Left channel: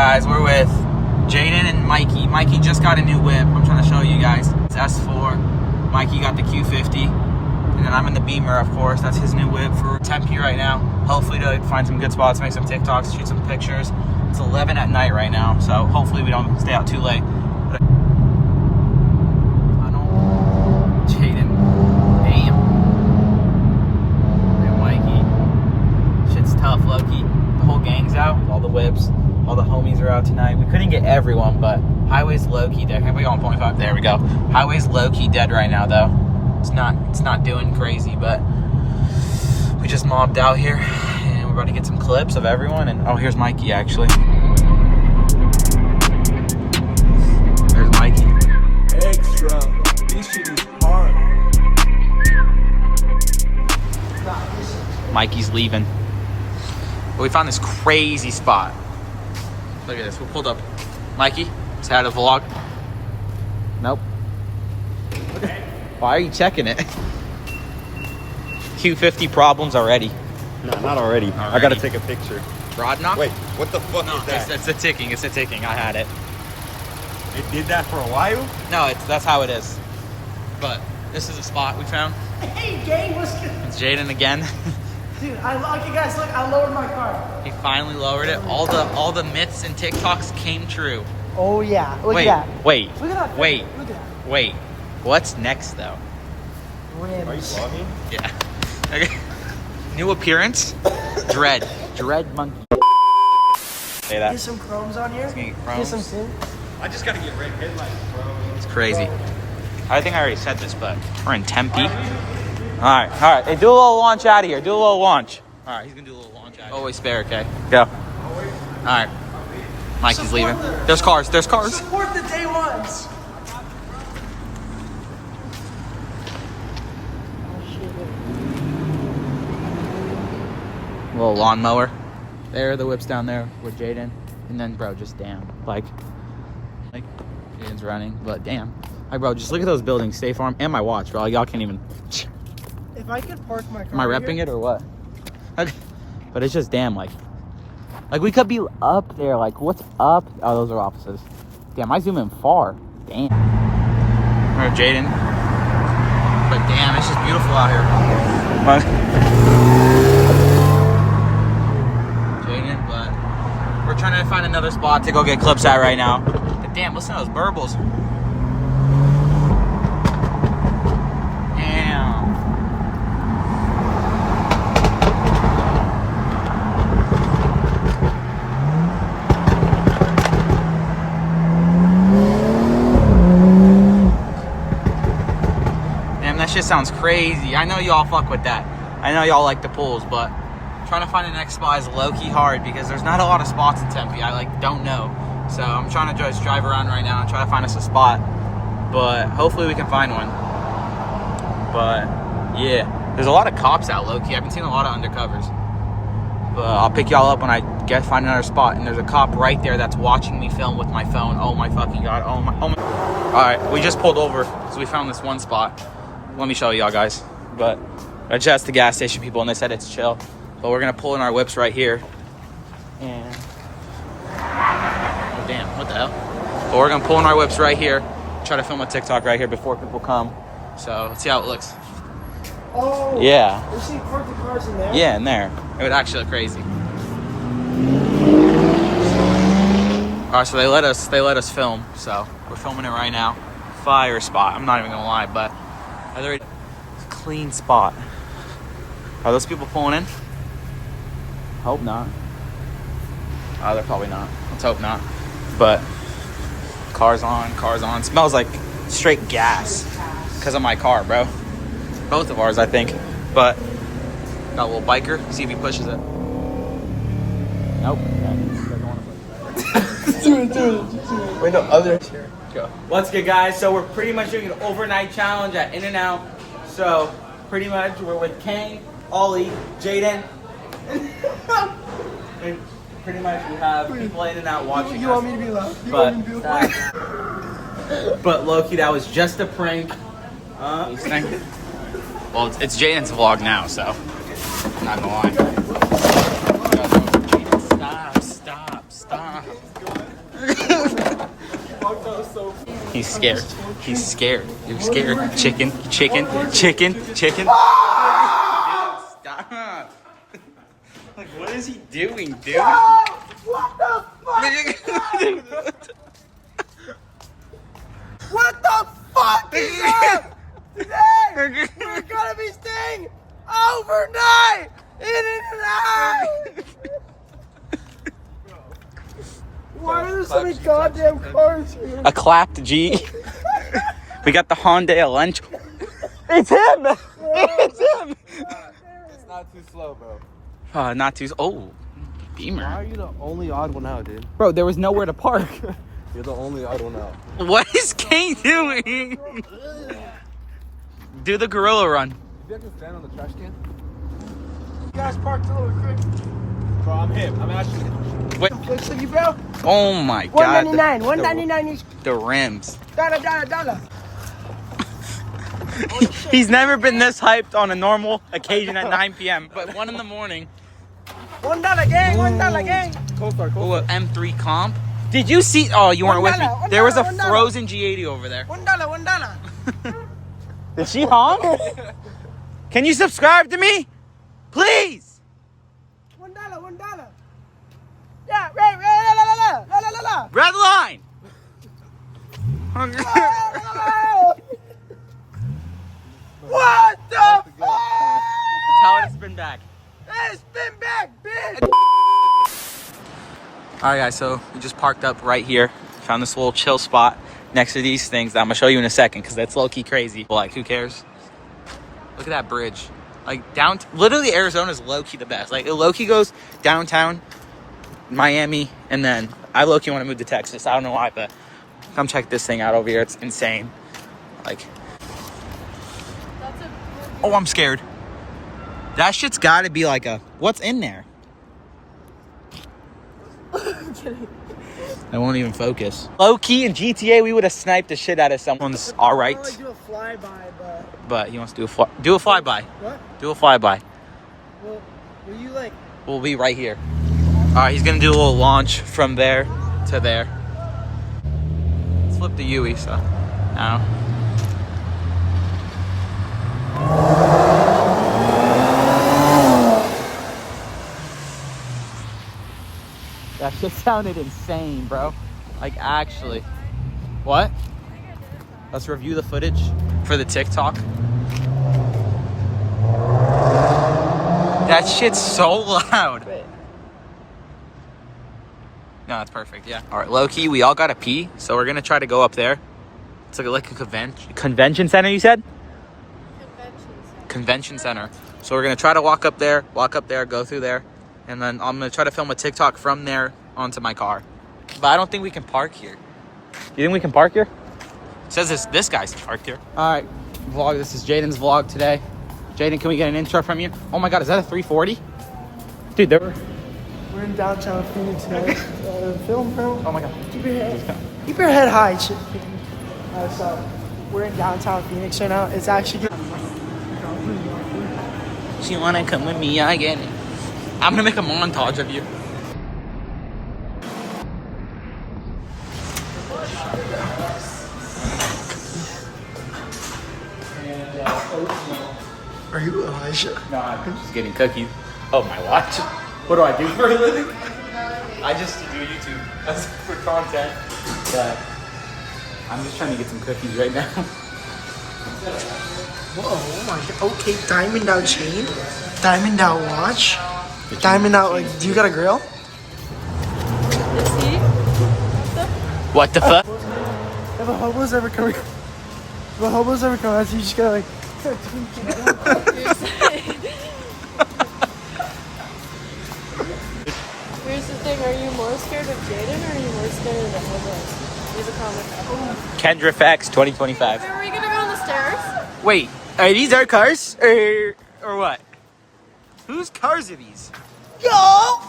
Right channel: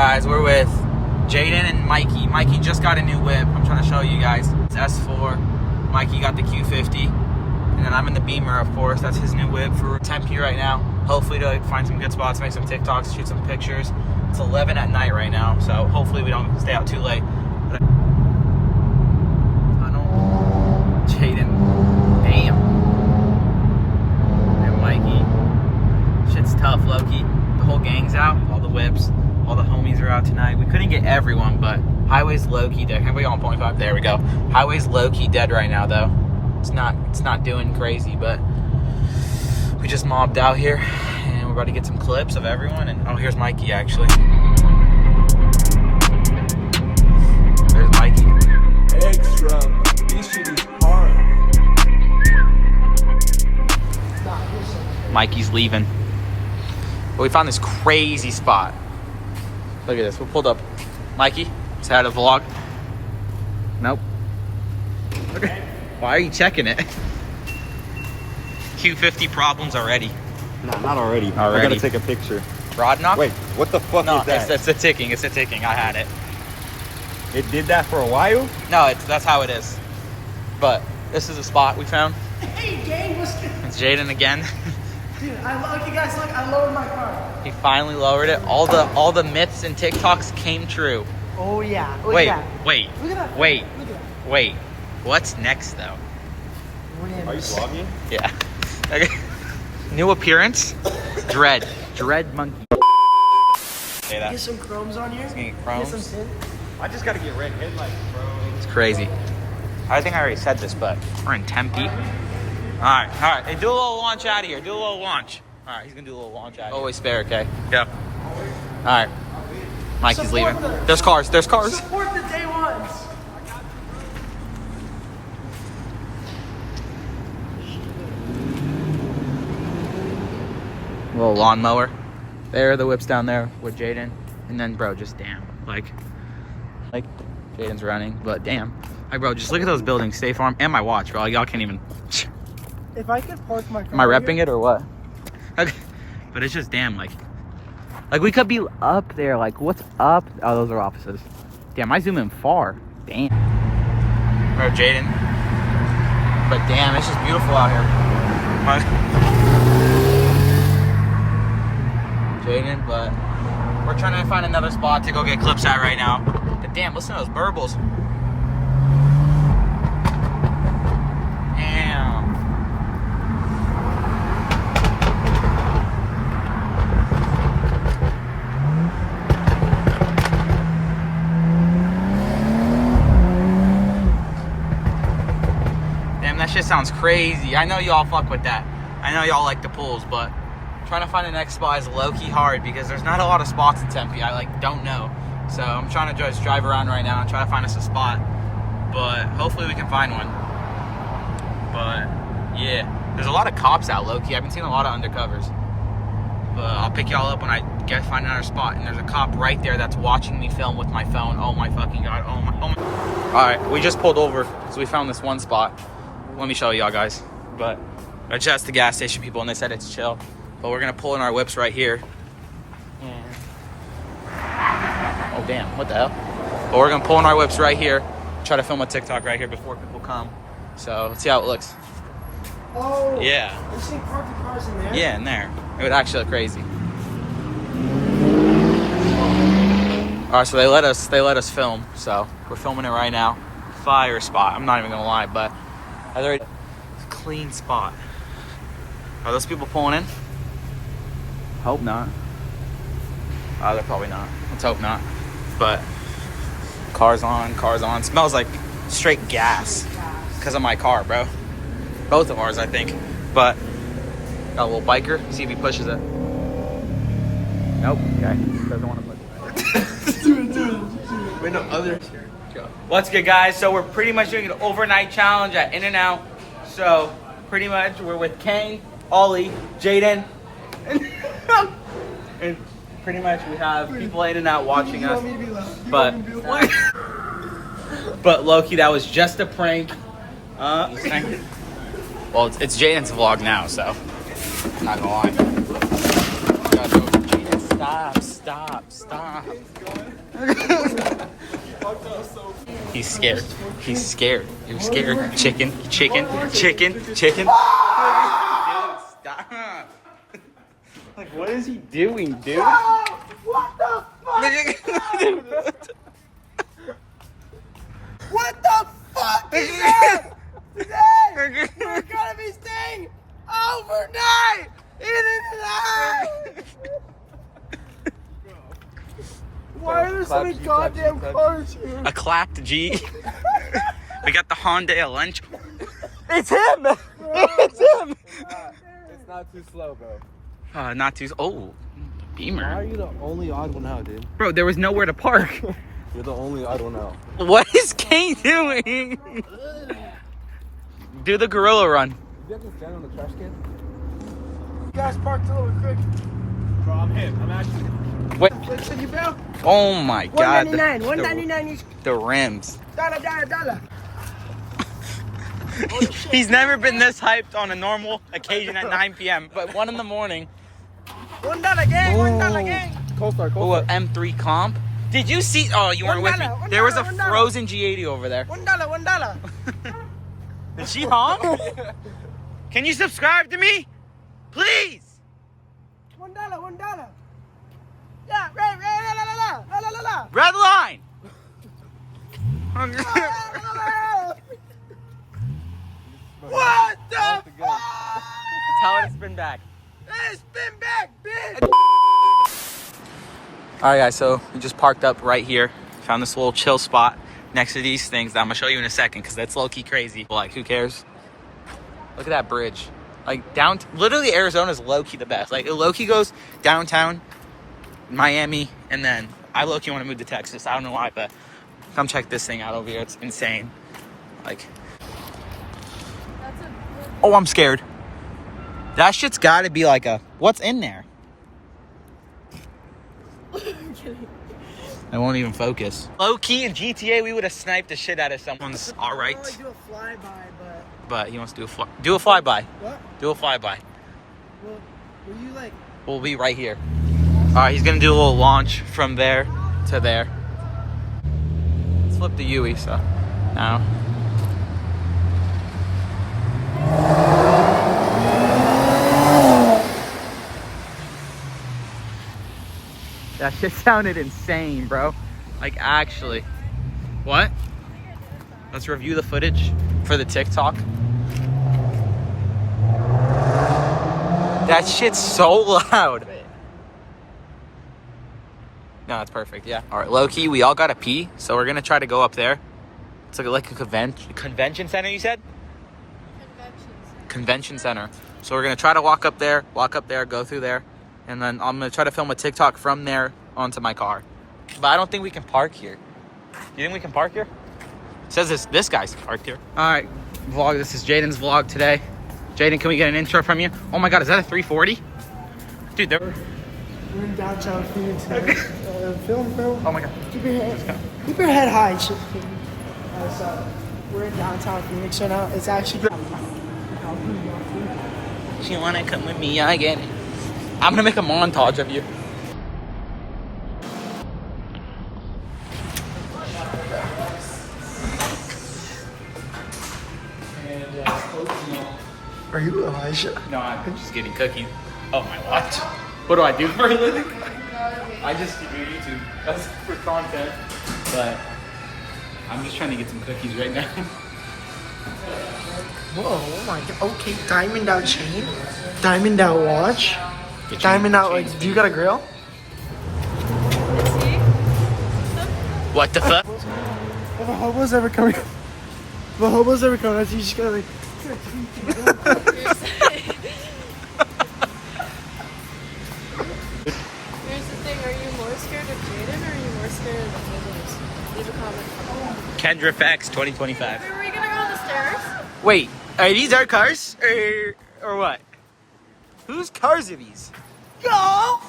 guys, we're with Jaden and Mikey. Mikey just got a new whip. I'm trying to show you guys. It's S4. Mikey got the Q50. And then I'm in the Beamer, of course. That's his new whip for Tempe right now. Hopefully to find some good spots, make some TikToks, shoot some pictures. It's 11 at night right now, so hopefully we don't stay out too late. Jaden. Damn. And Mikey. Shit's tough, low-key. The whole gang's out. All the whips. All the homies are out tonight. We couldn't get everyone, but highway's low-key dead. Everybody on 0.5. There we go. Highway's low-key dead right now, though. It's not doing crazy, but we just mobbed out here, and we're about to get some clips of everyone. And oh, here's Mikey actually. There's Mikey. Extra. This shit is hard. Mikey's leaving. But we found this crazy spot. Look at this. We pulled up. Mikey, say hi to the vlog. Nope. Okay. Why are you checking it? Q50 problems already. No, not already. I gotta take a picture. Rod knock? Wait, what the fuck No, is that? it's a ticking. It's a ticking. I had it. It did that for a while? No, that's how it is. But this is a spot we found. Hey, gang, what's good? It's Jaden again. Dude, okay, guys, look, I lowered my car. He finally lowered it. All the myths and TikToks came true. Oh, yeah. Look Wait, at that. wait, Look at that. wait, Look at that. wait. What's next, though? Rims. Yeah. Okay. New appearance. Dread monkey. Say that. Get some chromes on here. Get chrome? Get some too. I just gotta get red headlights, bro. It's crazy. I think I already said this, but we're in Tempe. All right. Do a little launch out of here. Do a little launch. All right, he's gonna do a little launch out of here. Always spare, okay? Yeah. All right. Mikey's leaving. There's cars. Support the day ones. Little lawnmower. There, the whip's down there with Jaden. And then, bro, just damn. Like Jaden's running, but damn. Like, bro, just look at those buildings, State Farm, and my watch, bro. Like, y'all can't even. If I could park my car. Am I repping it or what? Okay. But it's just damn, like we could be up there. Like, what's up? Oh, those are offices. Damn, I zoom in far. Damn. Where's Jaden? But damn, it's just beautiful out here. Jaden, but we're trying to find another spot to go get clips at right now. But damn, listen to those burbles. Damn. Damn, that shit sounds crazy. I know y'all fuck with that. I know y'all like the pools, but trying to find the next spot is low-key hard because there's not a lot of spots in Tempe. I don't know. So I'm trying to just drive around right now and try to find us a spot. But hopefully we can find one. But yeah, there's a lot of cops out low-key. I've been seeing a lot of undercovers. But I'll pick y'all up when I find another spot. And there's a cop right there that's watching me film with my phone. Oh my fucking God. Oh my. All right, we just pulled over because we found this one spot. Let me show y'all guys. But I just asked the gas station people and they said it's chill. But we're gonna pull in our whips right here. Oh damn, what the hell? But we're gonna pull in our whips right here. Try to film a TikTok right here before people come. So let's see how it looks. Oh. Yeah. We're seeing parked the cars in there. Yeah, in there. It would actually look crazy. Alright, so they let us film. So we're filming it right now. Fire spot. I'm not even gonna lie, but I already a clean spot. Are those people pulling in? Hope not. Oh, they're probably not. Let's hope not. But cars on. Smells like straight gas because of my car, bro. Both of ours, I think. But got a little biker. See if he pushes it. Nope. Okay. Doesn't want to push it. Dude. Wait, no, other. Go. What's good, guys? So we're pretty much doing an overnight challenge at In-N-Out. So pretty much we're with Kane, Ollie, Jaden. And pretty much we have people in and out watching You us. want me to be loud? But low-key, that was just a prank. Well, it's Jaden's vlog now, so I'm not gonna lie. Stop. He's scared. He's scared. You're scared. Chicken. Dude, stop. Like, what is he doing, dude? What the fuck? What the fuck is that? Today, we're gonna be staying overnight in an house. Why are there so many goddamn cars here? A clapped G. We got the Hyundai Elantra. It's him! It's him! It's not too slow, bro. Not too. Oh, Beamer. How are you the only odd one out, dude? Bro, there was nowhere to park. You're the only odd one out. What is Kane doing? Do the gorilla run. You have to stand on the trash can? You guys parked a little quick. Bro, I'm him. I'm actually him. Wait. Quick city, bro. Oh my god. $199. $199 is The rims. $1. He's never been this hyped on a normal occasion at 9 p.m. But 1 in the morning. $1 gang. $1 gang. Go for it. Oh, an M3 comp. Did you see? Oh, you weren't with me. $1, There was a $1. frozen G80 over there. $1. Did she honk? Can you subscribe to me? Please. $1. Yeah, right. Red line. What the fuck? Tell her to spin back. Hey, spin back, bitch. All right, guys. So we just parked up right here. Found this little chill spot next to these things that I'm gonna show you in a second because that's low-key crazy. Like, who cares? Look at that bridge. Like, literally Arizona's low-key the best. Like, it low-key goes downtown, Miami, and then I low-key want to move to Texas. I don't know why, but come check this thing out over here. It's insane. Like, oh, I'm scared. That shit's got to be like what's in there? I won't even focus. Low-key in GTA, we would have sniped the shit out of someone's all right. I do a flyby, But he wants to do a flyby. What? Do a flyby. Well, were you like... We'll be right here. All right, he's gonna do a little launch from there to there. Flip the UE, so now. That shit sounded insane, bro. Like, actually. What? Let's review the footage for the TikTok. That shit's so loud. No, that's perfect, yeah. All right, low-key, we all gotta pee, so we're gonna try to go up there. It's like a convention center, you said? Convention center. So we're gonna try to walk up there, go through there, and then I'm gonna try to film a TikTok from there onto my car. But I don't think we can park here. You think we can park here? It says this guy's parked here. All right, vlog, this is Jaden's vlog today. Jaden, can we get an intro from you? Oh my God, is that a 340? Dude, We're in downtown Phoenix now. Film, bro. Oh my God. Keep your head high. Shit. So we're in downtown Phoenix right now. It's actually good. You wanna come with me again? I'm gonna make a montage of you. Are you Elijah? No, I'm just getting cookies. Oh my gosh. What do I do for a living? I just do YouTube. That's for content. But I'm just trying to get some cookies right now. Whoa, oh my God. Okay, diamond out chain, diamond out watch, diamond out, like, do you got a grill? What the fuck? If a hobo's ever coming, I see you just gotta like. Here's the thing, are you more scared of Jaden or are you more scared of the hobos? Leave a comment. Kendra Facts 2025. Are we gonna go on the stairs? Wait, are these our cars? Or what? Whose cars are these? Yo! I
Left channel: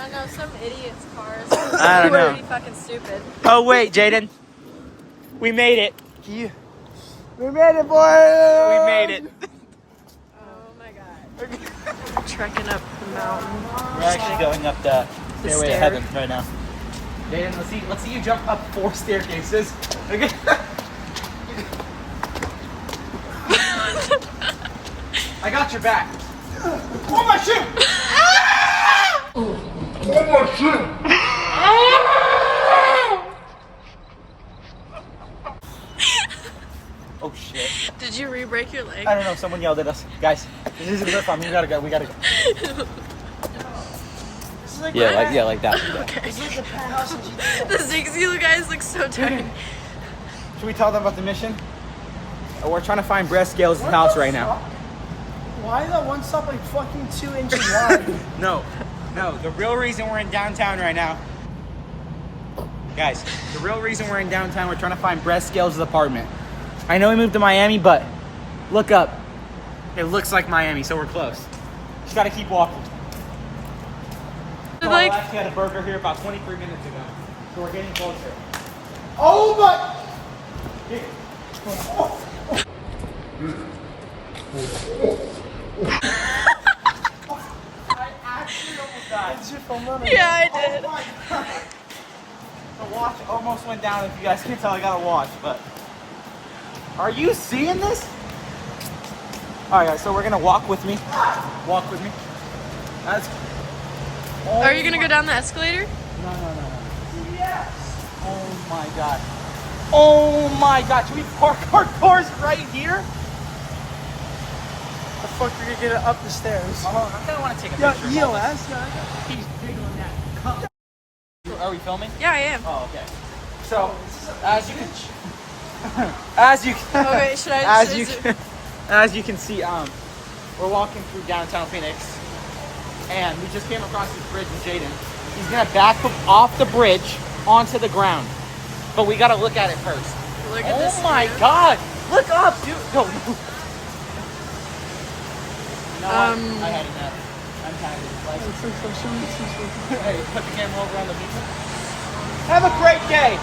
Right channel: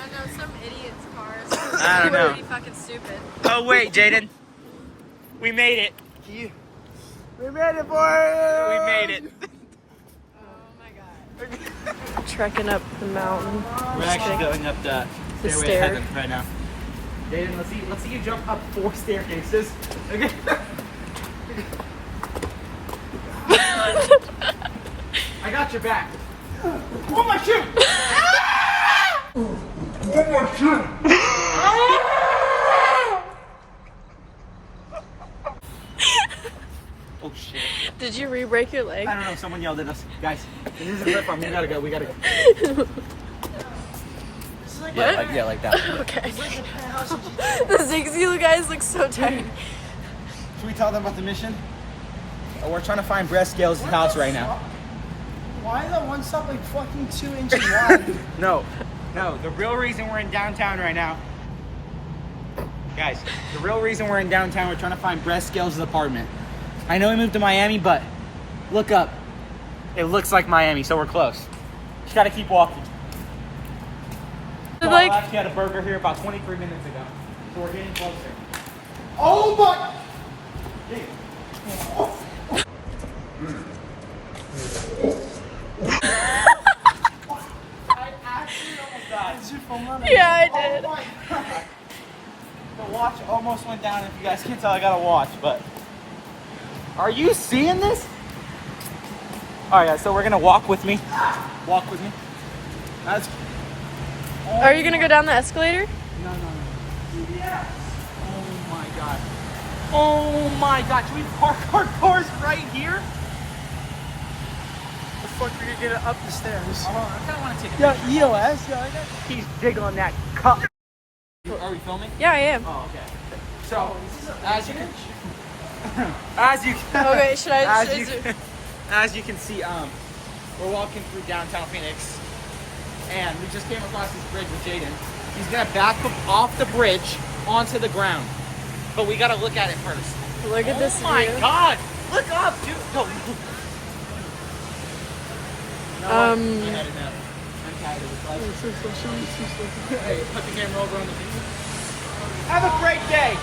don't know, some idiot's cars. I don't know. Pretty fucking stupid. Oh wait, Jaden. We made it. We made it, boy! We made it. Oh my God. Trekking up the mountain. We're actually going up the stair. right now. Jaden, let's see you jump up 4 staircases. Okay. I got your back. Oh my shit! Oh my shit! Oh shit. Did you re-break your leg? I don't know, someone yelled at us. Guys, this isn't your fun. We gotta go, we gotta go. Yeah, like that. Okay. The Zigzag guys look so tired. Should we tell them about the mission? We're trying to find Brett Scales' house right now. Why that one stop like fucking 2 inches wide? No, the real reason we're in downtown right now. Guys, the real reason we're in downtown, we're trying to find Brett Scales' apartment. I know he moved to Miami, but look up. It looks like Miami, so we're close. Just gotta keep walking. Like, I actually had a burger here about 23 minutes ago. So we're getting closer. Oh my! Hey. I actually almost died. Is your phone running? yeah, I did. Oh my God. The watch almost went down. If you guys can't tell, I got a watch, but are you seeing this? All right, guys, so we're gonna walk with me. Walk with me. That's. Are you gonna go down the escalator? No. Yes. Oh my God. Oh my God. Should we park our cars right here? The fuck you're gonna get up the stairs? I kind of want to take a Yeah, picture. EOS, yeah, I got He's jiggling that cup. Are we filming? Yeah, I am. Oh, okay. So, as you can, Okay, should I? as you can see, we're walking through downtown Phoenix, and we just came across this bridge with Jaden. He's gonna back off the bridge onto the ground, but we gotta look at it first. Look at this. Oh my view. God! Look up, dude. No. No, I had enough. I'm tired of this life. Hey, put the camera over on the beach. Have a great day.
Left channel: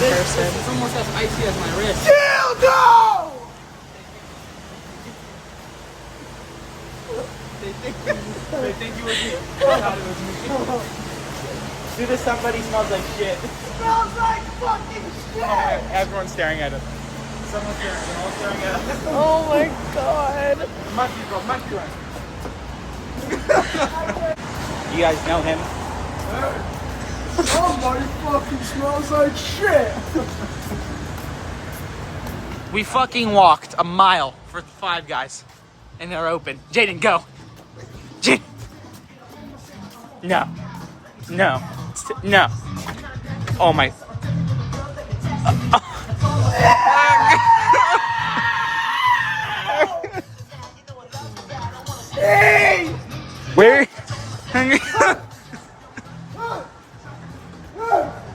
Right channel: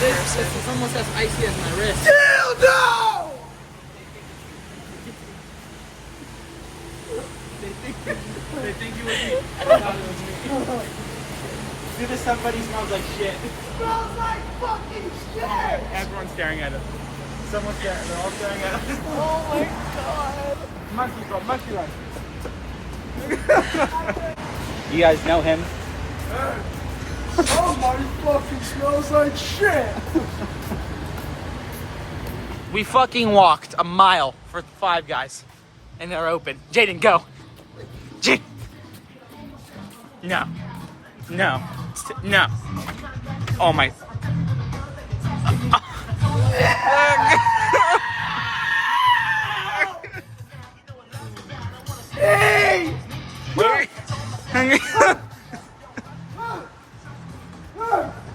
This is almost as icy as my wrist. dildo! They think you were me. I thought it was me. See, this somebody smells like shit. Smells like fucking shit! Everyone's staring at us. Someone's staring at us. Oh my God. Monkey bro, monkey line. You guys know him? Oh my fucking smells like shit! We fucking walked a mile for 5 Guys, and they're open. Jaden, go. Jaden. No. Oh my. Hey! Wait.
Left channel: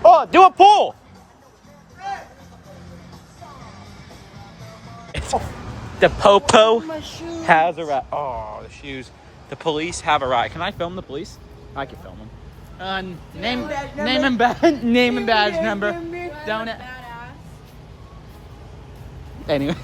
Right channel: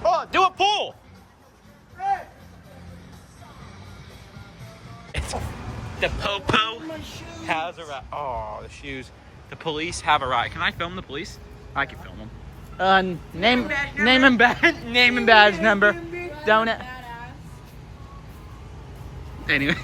Oh, do a pull. The popo My shoes. has a rat. Oh, the shoes. The police have a riot. Can I film the police? I can film them. Name and badge number. Don't it? Anyway.